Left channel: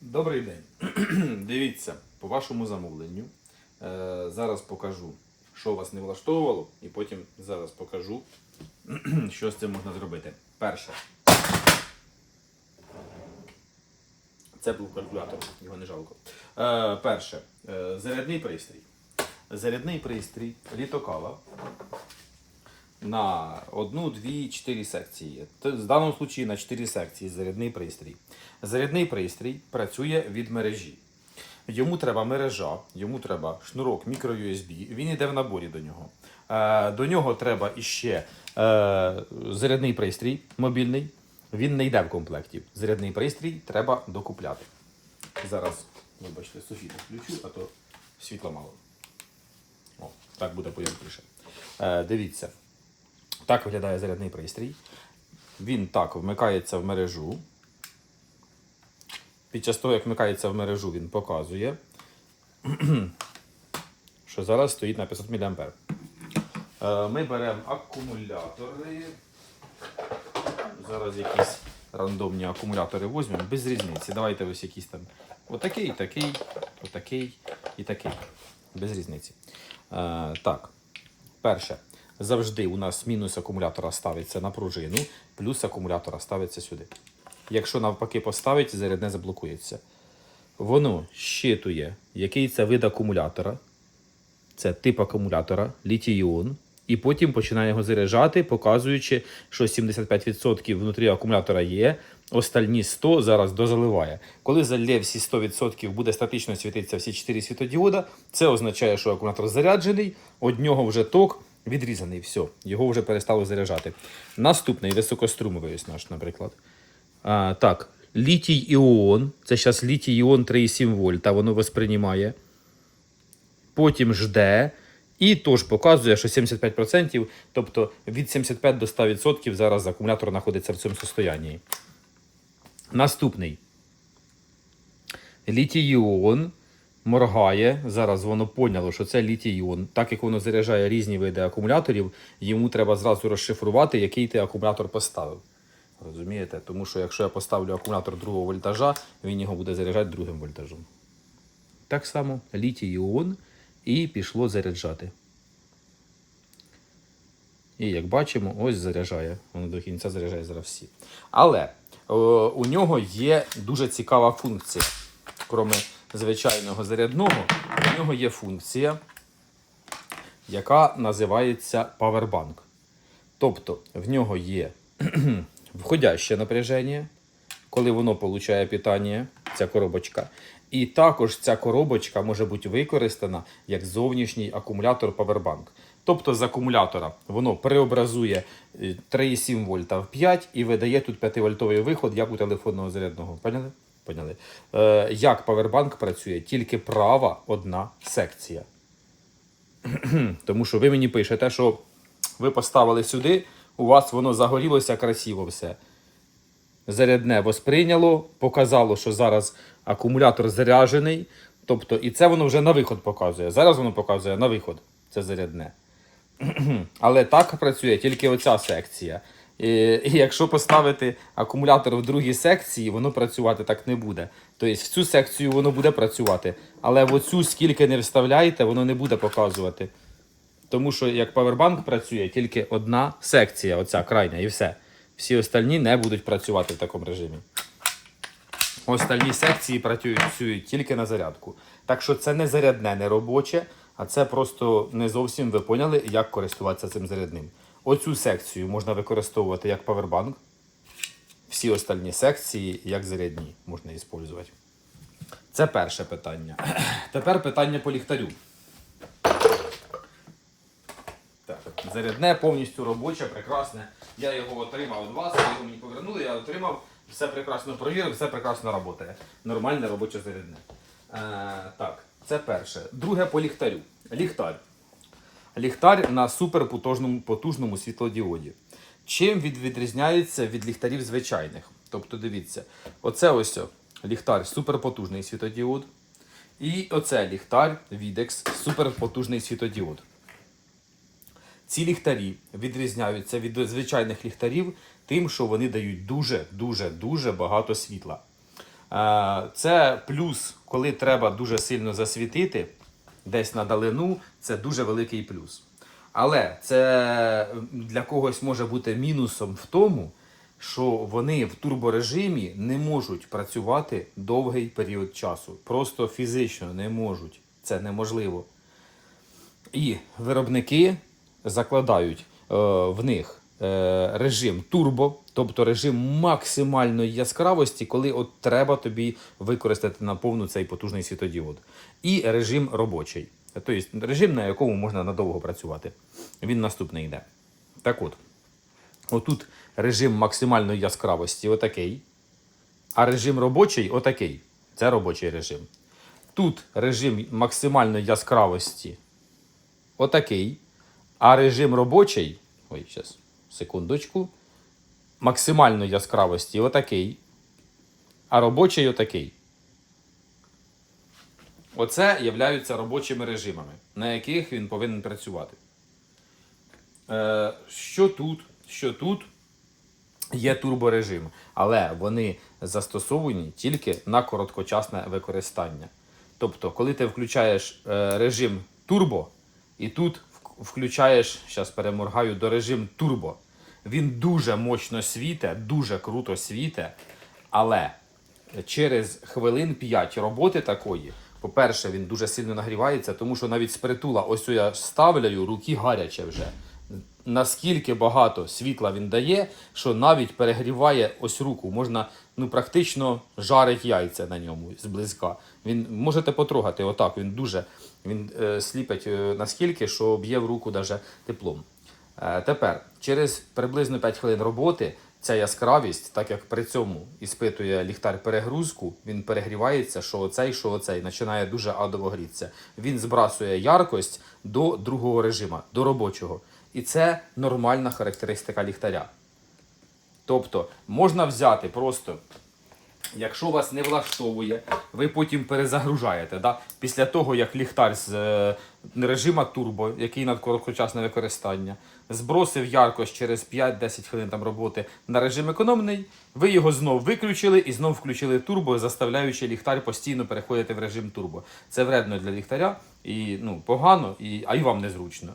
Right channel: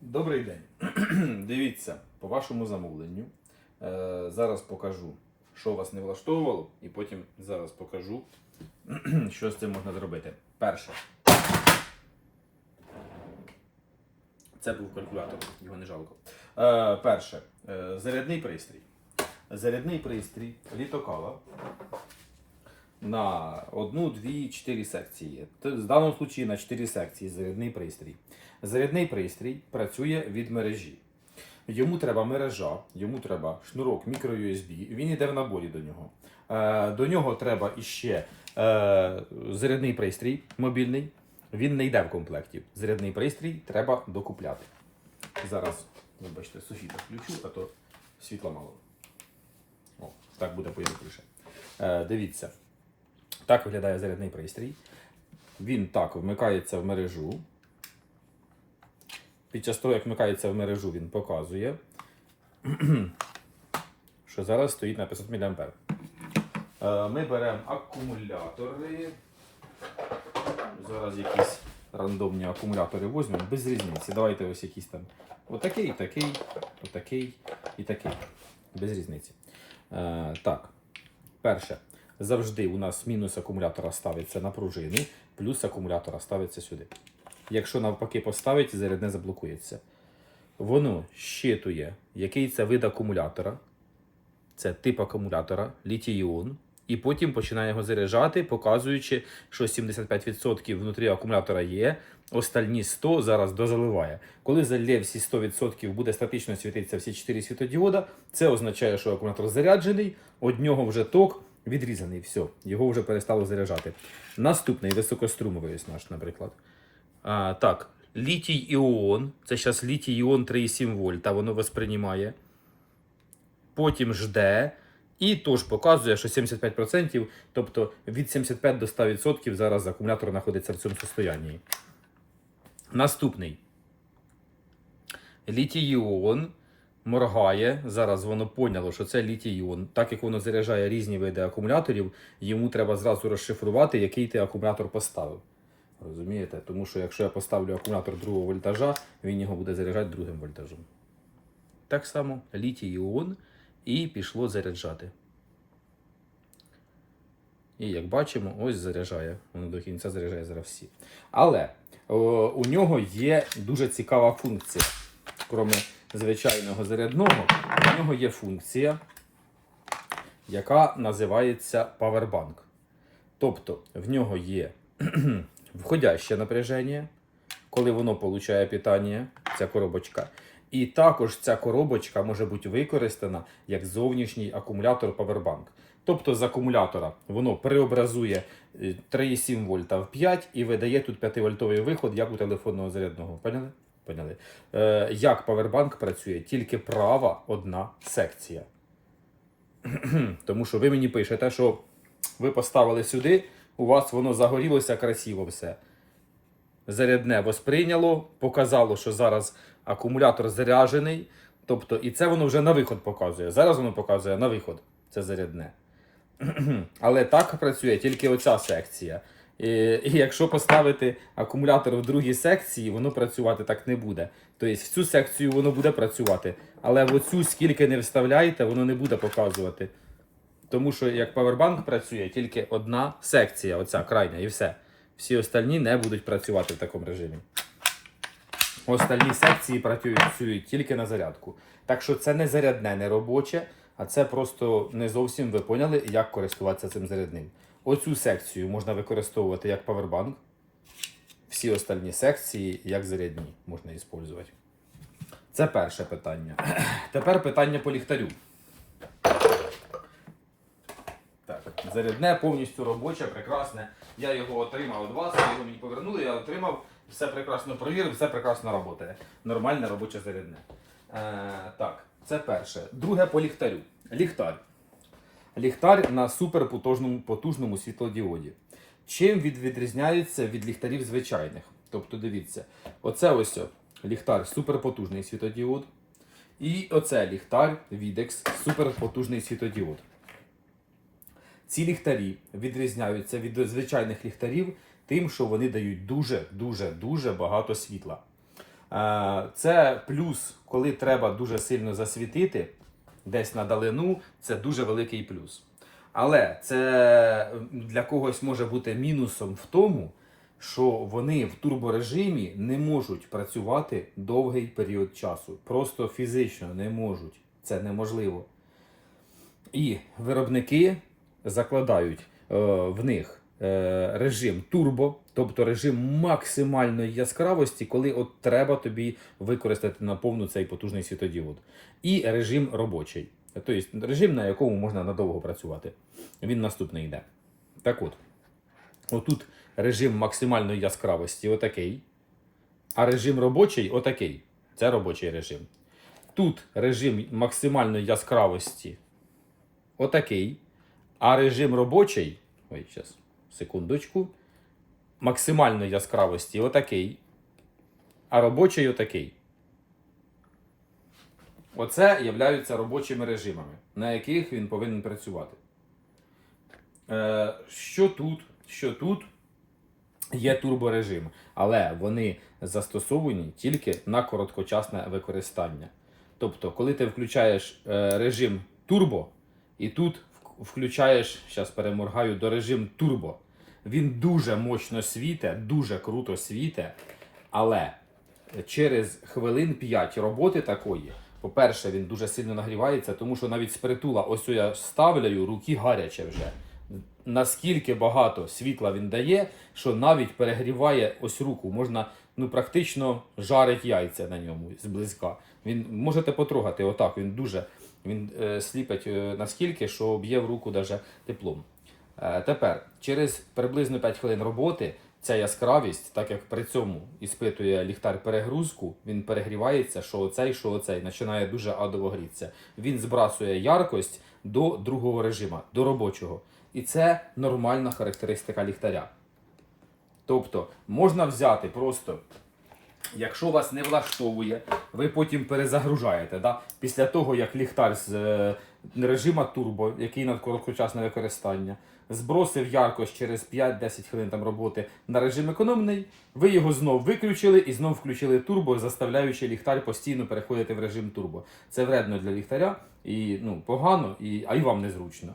Добрий день. Дивіться, по вашому замовленню. Е, зараз покажу, що вас не влаштовувало, і потім зараз покажу, що з цим можна зробити. Перше. Це був калькулятор, його не жалко. Е, перше. Е, зарядний пристрій. Зарядний пристрій літокала на одну, дві, чотири секції. В даному випадку на чотири секції зарядний пристрій. Зарядний пристрій працює від мережі. Йому треба мережа, йому треба шнурок мікро-USB, він йде в наборі до нього. Е, до нього треба іще е, зарядний пристрій мобільний. Він не йде в комплекті. Зарядний пристрій треба докупляти. Зараз, вибачте, сусіда включу, а то світла мало. О, так буде пояснніше. Е, дивіться, так виглядає зарядний пристрій. Він так вмикається в мережу. Під час того, як вмикається в мережу, він показує, що зараз стоїть на 500 мА. Е, Ми беремо акумулятори. Зараз якісь рандомні акумулятори візьмемо, без різниці. Давайте ось якісь там. Отакий, такий, отакий і такий. Без різниці. Е, так. Перше. Завжди у нас мінус акумулятора ставиться на пружину, плюс акумулятора ставиться сюди. Якщо навпаки поставить, зарядне заблокується. Воно щитує, який це вид акумулятора. Це тип акумулятора, літій-іон. І потім починає його заряджати, показуючи, що 75% внутрі акумулятора є, остальні 100 зараз дозаливає. Коли залє всі 100% буде статично світитися всі 4 світодіода, це означає, що акумулятор заряджений, од нього вже ток відрізаний. Все, його вже перестало заряджати. Наступний високострумовий ось наш, наприклад. А, так, літій іон. Це зараз літій іон 3,7 вольта, воно восприймає. Потім жде. І теж показує, що 75%, тобто від 75 до 100% зараз акумулятор знаходиться в цьому состоянні. Наступний. Літій-іон моргає. Зараз воно поняло, що це літій-іон. Так як воно заряджає різні види акумуляторів, йому треба зразу розшифрувати, який ти акумулятор поставив. Розумієте? Тому що якщо я поставлю акумулятор другого вольтажа, він його буде заряджати другим вольтажом. Так само літій-іон і пішло заряджати. І як бачимо, ось заряджає. Воно до кінця заряджає зараз всі. Але о, у нього є дуже цікава функція. Крім звичайного зарядного, у нього є функція, яка називається Powerbank. Тобто в нього є входяще напряження, коли воно получає питання, ця коробочка. І також ця коробочка може бути використана як зовнішній акумулятор Powerbank. Тобто з акумулятора воно преобразує е, 3,7 вольта в 5 і видає тут 5-вольтовий виход, як у телефонного зарядного. Поняли? Поняли? Е, як Powerbank працює? Тільки права одна секція. Тому що ви мені пишете, що ви поставили сюди, у вас воно загорілося красиво все. Зарядне восприйняло, показало, що зараз акумулятор заряджений. Тобто, і це воно вже на виход показує. Зараз воно показує на виход. Це зарядне. Але так працює тільки оця секція. І, і якщо поставити акумулятор в другій секції, воно працювати так не буде. Тобто в цю секцію воно буде працювати, але в оцю скільки не вставляєте, воно не буде показувати. Тому що як Powerbank працює тільки одна секція, оця крайня, і все. Всі остальні не будуть працювати в такому режимі. Остальні секції працюють тільки на зарядку. Так що це не зарядне, не робоче, а це просто не зовсім ви поняли, як користуватися цим зарядним. Оцю секцію можна використовувати як Powerbank. Всі остальні секції як зарядні можна використовувати. Це перше питання. Тепер питання по ліхтарю. Так, зарядне повністю робоче, прекрасне. Я його отримав від вас, його мені повернули, я отримав, все прекрасно провірив, все прекрасно працює. Нормальне робоче зарядне. Е, так, це перше. Друге по ліхтарю. Ліхтар. Ліхтар на суперпотужному потужному світлодіоді. Чим він відрізняється від ліхтарів звичайних? Тобто, дивіться, оце ось ліхтар суперпотужний світодіод. І оце ліхтар Videx суперпотужний світодіод. Ці ліхтарі відрізняються від звичайних ліхтарів тим, що вони дають дуже, дуже, дуже багато світла. Е, Це плюс, коли треба дуже сильно засвітити десь на далину, це дуже великий плюс. Але це для когось може бути мінусом в тому, що вони в турборежимі не можуть працювати довгий період часу. Просто фізично не можуть. Це неможливо. І виробники закладають е, в них е, режим турбо, тобто режим максимальної яскравості, коли от треба тобі використати на повну цей потужний світодіод. І режим робочий. Тобто режим, на якому можна надовго працювати. Він наступний йде. Так от, отут режим максимальної яскравості отакий, а режим робочий отакий. Це робочий режим. Тут режим максимальної яскравості отакий. А режим робочий, ой, зараз, секундочку, максимальної яскравості отакий. А робочий отакий. Оце являються робочими режимами, на яких він повинен працювати. Е, що тут? Що тут? Є турборежим, але вони застосовані тільки на короткочасне використання. Тобто, коли ти включаєш е, режим турбо, і тут включаєш, зараз переморгаю до режим турбо, він дуже мощно світе, дуже круто світе, але через хвилин 5 роботи такої, по-перше, він дуже сильно нагрівається, тому що навіть з притула, ось я ставляю, руки гаряче вже. Наскільки багато світла він дає, що навіть перегріває ось руку. Можна ну, практично жарить яйця на ньому зблизька. Він можете потрогати отак. Він дуже він е, сліпить е, наскільки, що б'є в руку даже теплом. Е, тепер, через приблизно 5 хвилин роботи, ця яскравість, так як при цьому іспитує ліхтар перегрузку, він перегрівається, що оцей, що оцей, починає дуже адово грітися. Він збрасує яркость до другого режиму, до робочого. І це нормальна характеристика ліхтаря. Тобто можна взяти просто, якщо вас не влаштовує, ви потім перезагружаєте. Да? Після того, як ліхтар з е, режима турбо, який на короткочасне використання, збросив яркость через 5-10 хвилин там роботи на режим економний, ви його знов виключили і знов включили турбо, заставляючи ліхтар постійно переходити в режим турбо. Це вредно для ліхтаря і ну, погано, і, а й вам незручно.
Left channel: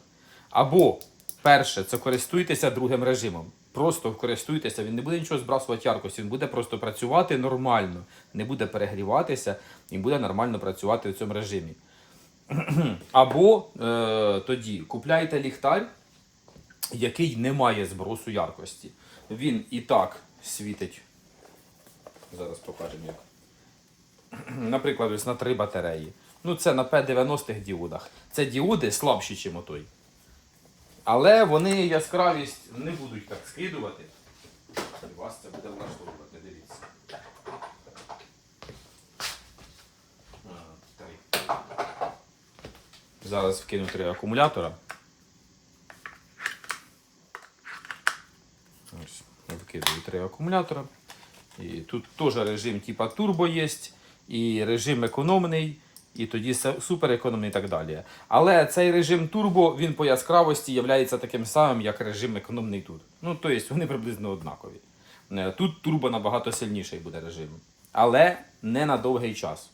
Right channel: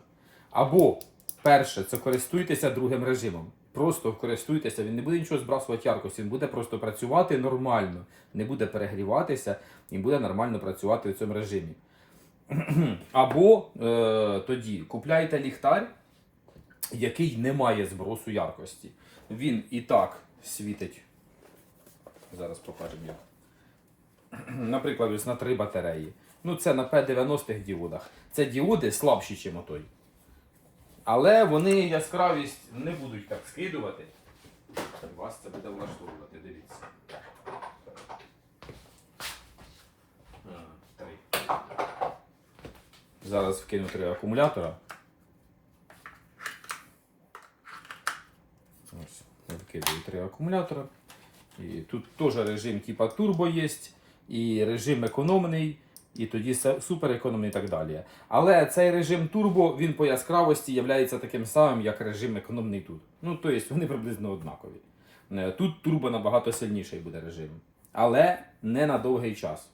Або перше, це користуйтеся другим режимом. Просто користуйтеся, він не буде нічого збрасувати яркості, він буде просто працювати нормально, не буде перегріватися і буде нормально працювати в цьому режимі. Або е, тоді купляйте ліхтар, який не має збросу яркості. Він і так світить. Зараз покажемо як. Наприклад, ось на три батареї. Ну, це на P90-х діодах. Це діоди слабші, ніж отой. Але вони яскравість не будуть так скидувати. Вас це буде влаштовувати, дивіться. Зараз вкину три акумулятора. Ось, я вкидаю три акумулятора. І тут теж режим типа турбо є, і режим економний, і тоді суперекономний і так далі. Але цей режим турбо він по яскравості є таким самим, як режим економний тут. Ну, тобто вони приблизно однакові. Е, Тут турбо набагато сильніший буде режим. Але не на довгий час.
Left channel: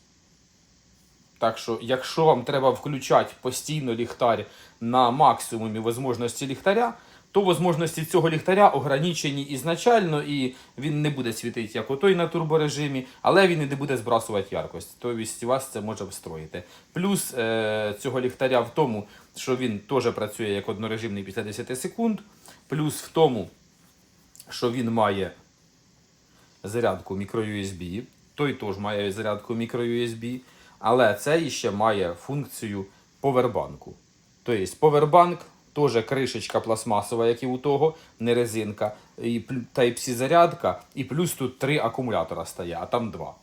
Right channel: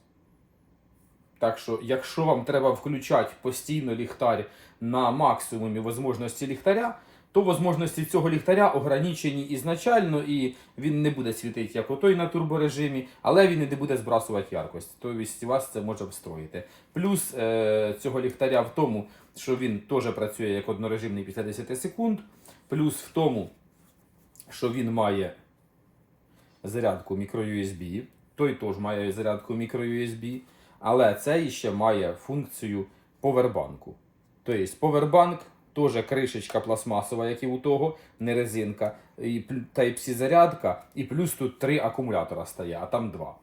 Так що, якщо вам треба включати постійно ліхтар на максимумі можливості ліхтаря, то можливості цього ліхтаря ограничені ізначально, і він не буде світити як отой на турборежимі, але він і не буде збрасувати яркость. Тобто вас це може встроїти. Плюс е, цього ліхтаря в тому, що він теж працює як однорежимний після 10 секунд. Плюс в тому, що він має зарядку microUSB. Той теж має зарядку microUSB, але цей ще має функцію повербанку. Тобто повербанк теж кришечка пластмасова, як і у того, не резинка, і Type-C зарядка, і плюс тут три акумулятора стає, а там два.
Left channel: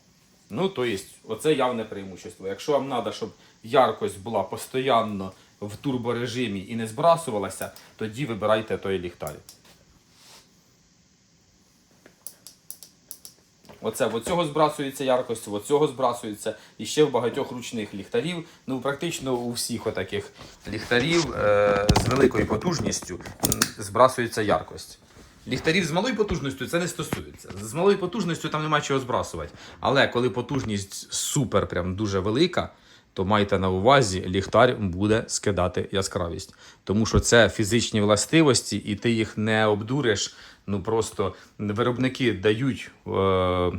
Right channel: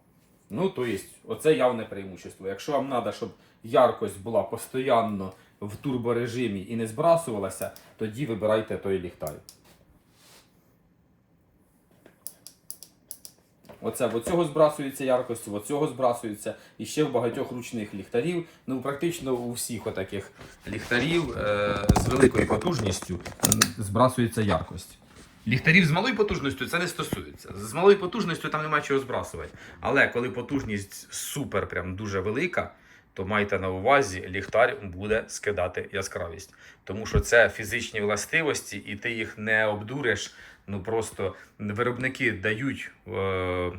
Ну, то є, оце явне преимущество. Якщо вам треба, щоб яркость була постійно в турборежимі і не збрасувалася, тоді вибирайте той ліхтар. Оце в цього збрасується яркость, в цього збрасується. І ще в багатьох ручних ліхтарів. Ну, практично у всіх отаких ліхтарів е- з великою потужністю збрасується яркость. Ліхтарів з малою потужністю це не стосується. З малою потужністю там нема чого збрасувати. Але коли потужність супер, прям дуже велика, то майте на увазі, ліхтар буде скидати яскравість. Тому що це фізичні властивості, і ти їх не обдуриш. Ну просто виробники дають. Е- е,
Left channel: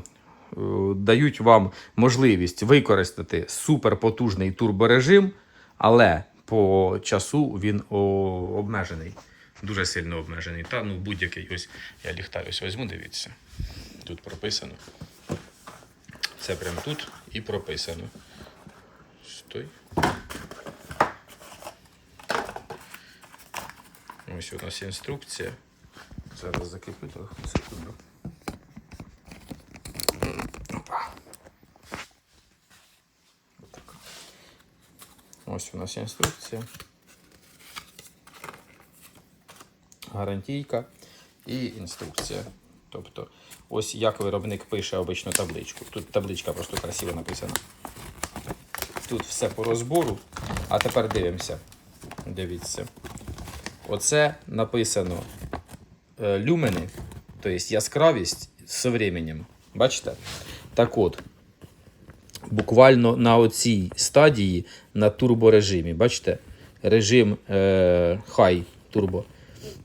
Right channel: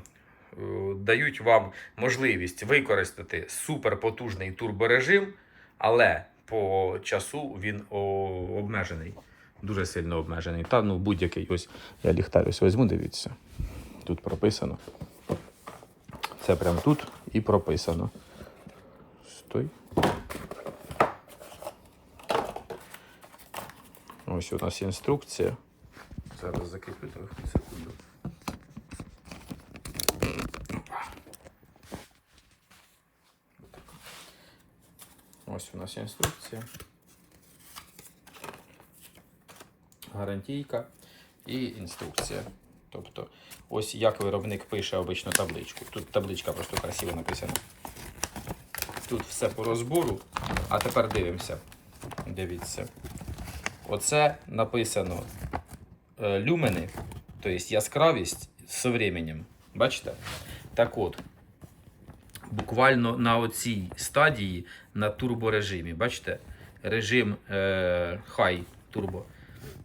Дають вам можливість використати суперпотужний турборежим, але по часу він обмежений, дуже сильно обмежений. Та ну будь-який ось я ліхтар ось візьму, дивіться. Тут прописано. Це прямо тут і прописано. Стой. Ось у нас інструкція. Зараз закріплю телефон, секунду. Ось у нас інструкція. Гарантійка і інструкція. Тобто, ось як виробник пише обично табличку. Тут табличка просто красиво написана. Тут все по розбору. А тепер дивимося. Дивіться. Оце написано е, люмени, тобто яскравість з временем. Бачите? Так от, буквально на оцій стадії на турборежимі. Бачите? Режим е, High турбо.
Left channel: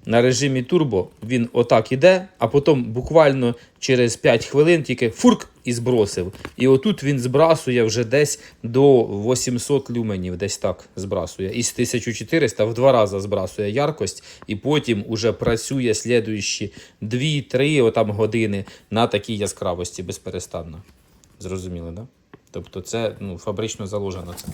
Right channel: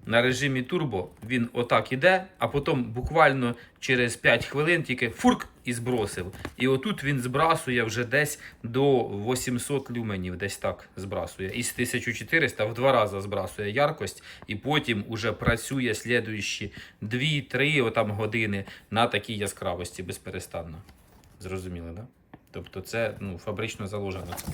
На режимі турбо він отак іде, а потім буквально через 5 хвилин тільки фурк і збросив. І отут він збрасує вже десь до 800 люменів, десь так збрасує. Із 1400 в два рази збрасує яркость, і потім уже працює слідуючі 2-3 години на такій яскравості безперестанно. Зрозуміли, так? Да? Тобто це ну, фабрично заложено це.